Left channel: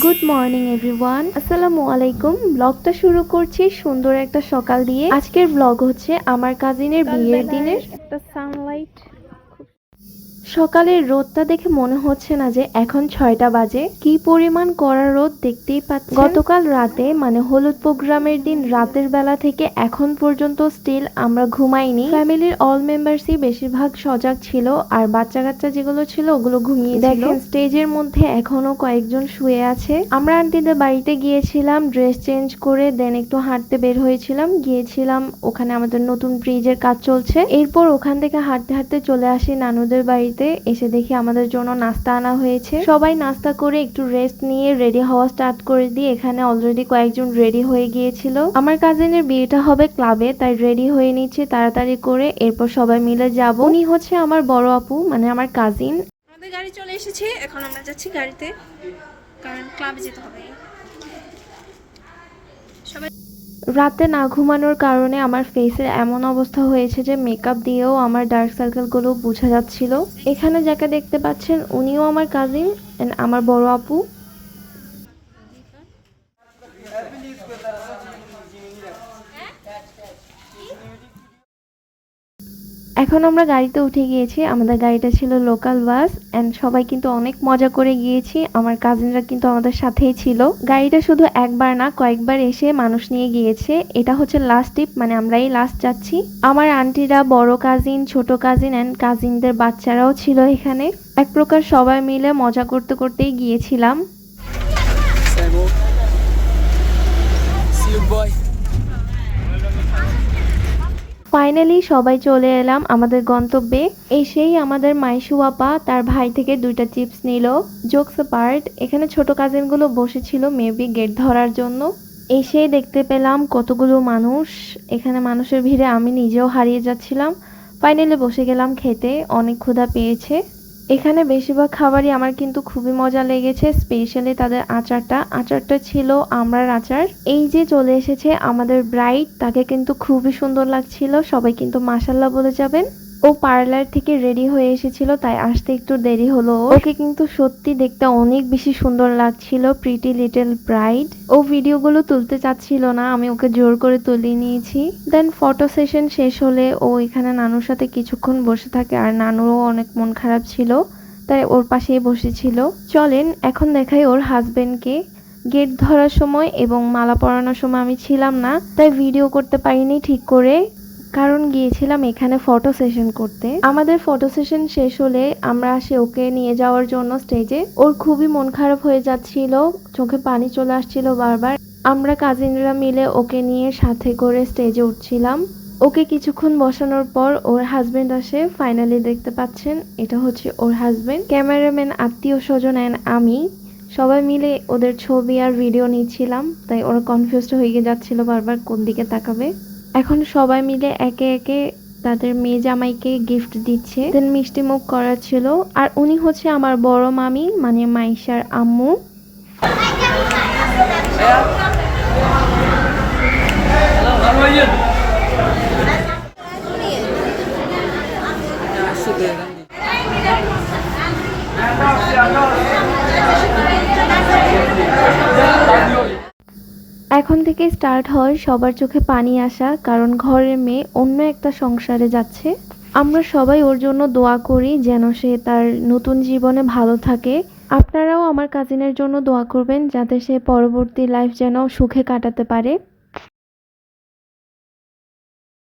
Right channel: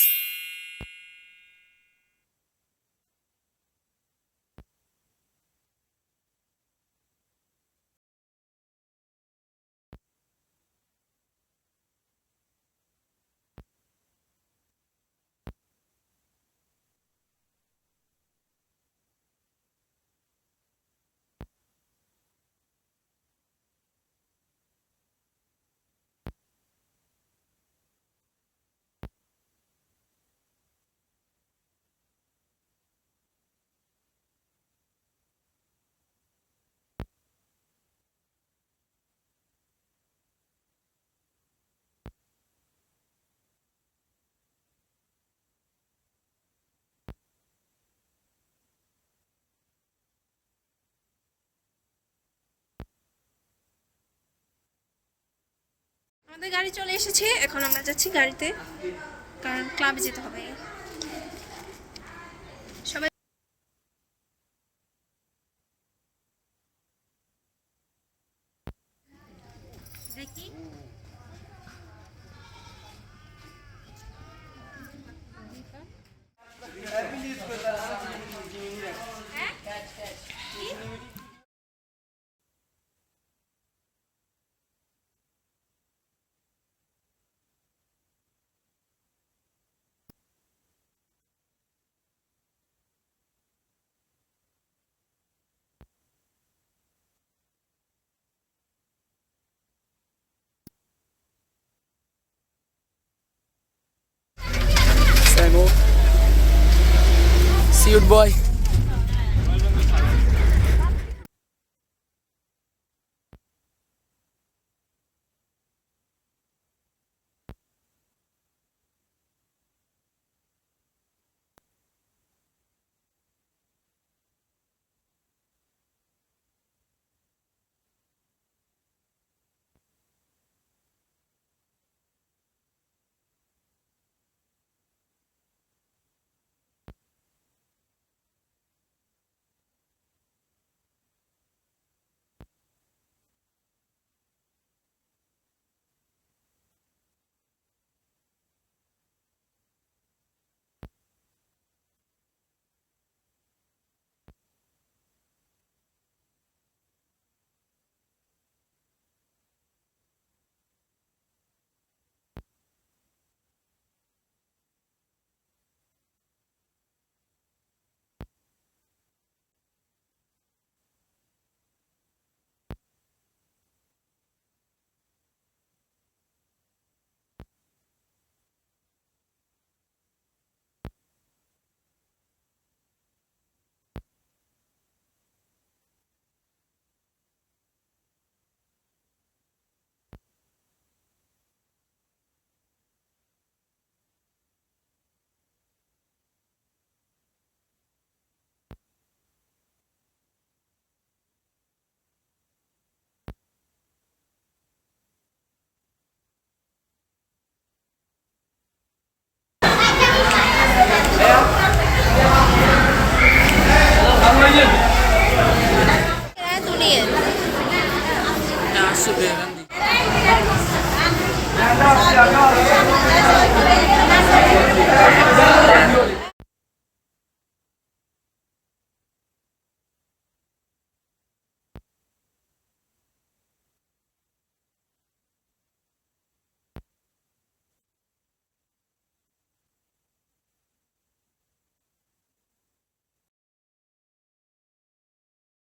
Good morning everyone আসসালামু আলাইকুম ব্লগটা শুরু করছি সুন্দর একটা সকাল দিয়ে। আজকের ব্লগ হচ্ছে আমার কাজিনের বিয়ের দিনের একটা সানলাইট সকালের রোদটা দেখে মনে হচ্ছে না যে এখন ছয়টা বাজে। কি পরিমাণ কড়া রোদ দেখতেই পাচ্ছি গতকাল রাতে মানে হলুদ প্রোগ্রামের দিন, রাতের বেলা থেকে এখন পর্যন্ত স্টিল আমরা ঘুমাইনি। ফ্যামিলির অল মেম্বার্সই বেশিরভাগ সজাগ ছিল, আর বাচ্চা কাচ্চা যেগুলো ছিল, ওগুলো ঘুমিয়ে দেখেন স্টেজের মধ্যে এখনও কয়েকজন শুয়ে আছে। আমরা আন্টিদের বাড়িতে গিয়েছিলাম ড্রেস চেঞ্জ করে দেন একটু হাঁটতে বের হয়েছিলাম। গিয়েছিলাম, ওখানে আমাদের নতুন ব্রিজের কাজ চলছে। এরপর ওখান থেকে হাঁটতে হাঁটতে চলে আসি নানুদের বাড়িতে। এসে দেখি আমাদের জন্য নাস্তা আনা হয়েছে। সবাই নাস্তা করে একটু রেস্ট নিয়ে রেডি হওয়া স্টার্ট করে দিয়ে এখানে অলরেডি কয়েকজন রেডি হয়ে গিয়েছিল। আমার কাজিনের বিয়েটা হবে ক্লাবে তাই রেডি হয়ে নিচ্ছে, তাড়াতাড়ি করে এরপর সবাই মিলে যাব। উনি হচ্ছে আমার বড় আপু মানে আমার কাজিন আমাদের গাড়ি চলে এসেছে, এখন আমরা যাচ্ছি গাড়িতে, কারণ ক্লাবে যেতে হবে। রাতে না ঘুমানোর কারণে আমার ফেসের এমন অবস্থা হয়েছে যে মেকআপ দিয়েও আমার ডার্ক সার্কেলগুলো বোঝা যাচ্ছিল। এখানে যাকে দেখতে পাচ্ছেন, উনিও আমার কাজিন আমার বড় আপু। এখন আমরা গাড়িতে উঠে গিয়েছি। আমাদের গাড়িটা ছিল লোকাল বাস অ্যান্ড সবাই কিন্তু অনেক মজা করে গিয়েছি। আমার কাজিনরা কিন্তু আমাদের সাথেই ছিল। গাড়িটা শুধু একবার না, কয়েকবার এসে মানুষ নিয়ে গিয়েছে। এটা হচ্ছে লাস্ট ট্রিপ মানে আমরাই লাস্ট যাচ্ছি। আমার আন্টিরা বড় কাজিন ছোট কাজিন অ্যান্ড কাজিনদের বাচ্চারাও ছিল এখানে। এক প্রকার সবাই মিলে মজা করতে করতেই গিয়েছিলাম। See you, boy. ফাইনালি সবাই চলে এলাম আমাদের গন্তব্যে। এসেই আমাদের মাইশু আপা তার ভাই থেকে দুইটা চিপস নিল। জোকস পার্ট এখানে ছোট কাজিনগুলো বসেছিল মেবি গেট ধরার জন্য। এসেই দেখতে পেলাম কতগুলো মানুষ। এখানে মানুষের ভিড়ে আমি নিজেও হারিয়ে যাচ্ছিলাম। ফাইনালি বসে গেলাম খেতে, অনেক ক্ষুধা পেয়েছে। এখানে বেশিরভাগ খাবারই আমার কিন্তু খুবই মজা লেগেছে স্পেশালি তাদের আচারটা। আচারটা ছিল আমরার আচার। এই যে চলে এসেছে আমাদের ব্রাইট তাকে কিন্তু খুবই সুন্দর লাগছিল। সবাই কিন্তু মাসাল্লাহ বলে যাবেন। ও পার্লার থেকে রেডি হয়ে এসেছিল, তাই আসতে একটু দেরি হলো। ওকে কিন্তু সত্যি দেখতে অনেক বেশি সুন্দর লাগছিল প্রিটি লিটল ব্রাইড ও ভিডিওগুলো তুলতে চাচ্ছিল না, আমি ওকে জোর করে তুলে নিয়েছি। দেন ফটো সেশন শেষ হলে ও এখানে নানুর সাথে কিছুক্ষণ বসে থাকে, আর নানুরও অনেক মন খারাপ ছিল, তাই ওর পাশেই বসেছিল। চলেন, এখন দেখাই ওর হাজবেন্ডকে গেট ধরার সময় এবং মালা পরানোর সময় আমি ছিলাম না, তাই ভিডিও করতে পারিনি ঠিক করে। কারণ গিয়েছিলাম এখানে ফটো সেশন করতে। আমাদের ফটো সেশন শেষ হলে আমরা আসি ওকে নিয়ে যাওয়ার জন্য স্টেজে ওর খুবই মন খারাপ হয়ে যাচ্ছিল, চোখে পানি চলে আসছিল বারবার। আমরা কাজিনরা মিলে ওকে নিয়ে সাথে করে স্টেজে উঠছিলাম। ওকে কিছুক্ষণ বসানোর পর ওর হাজবেন্ড আসে ফাইনালি দেখতে পাচ্ছেন, এটা হচ্ছে ওর হাজবেন্ড ক্যামেরাম্যান আত্মীয় স্বজন অ্যান্ড আমি, সবাই মিলে ওদের ছবি আর ভিডিও নিচ্ছিলাম, তাই ওরা কনফিউজড হয়ে যাচ্ছিল বারবার কোন দিকে তাকাবে। এখন সবাই মিলে একে একে তাদের মেয়ে জামাইকে গিফট দিচ্ছে। দেন মিষ্টি মুখ করা ছিল। আর উনি হচ্ছে আমার বড় মামি মানে মাইশার আম্মু। দুনিয়া এখন থেকে স্টার্ট হয় সবার চোখে পানি আসা, কারণ ঘরের মেয়ে অন্য একটা সংসারে যাচ্ছে। আমরা সবাই ওর জন্য দোয়া করি যেন সে তার নতুন জীবনে ভালো থাকে। আপনারাও আমার কাজিনের জন্য দোয়া করবেন যাতে সে পরবর্তী লাইফ যেন সুখে কাটাতে পারে।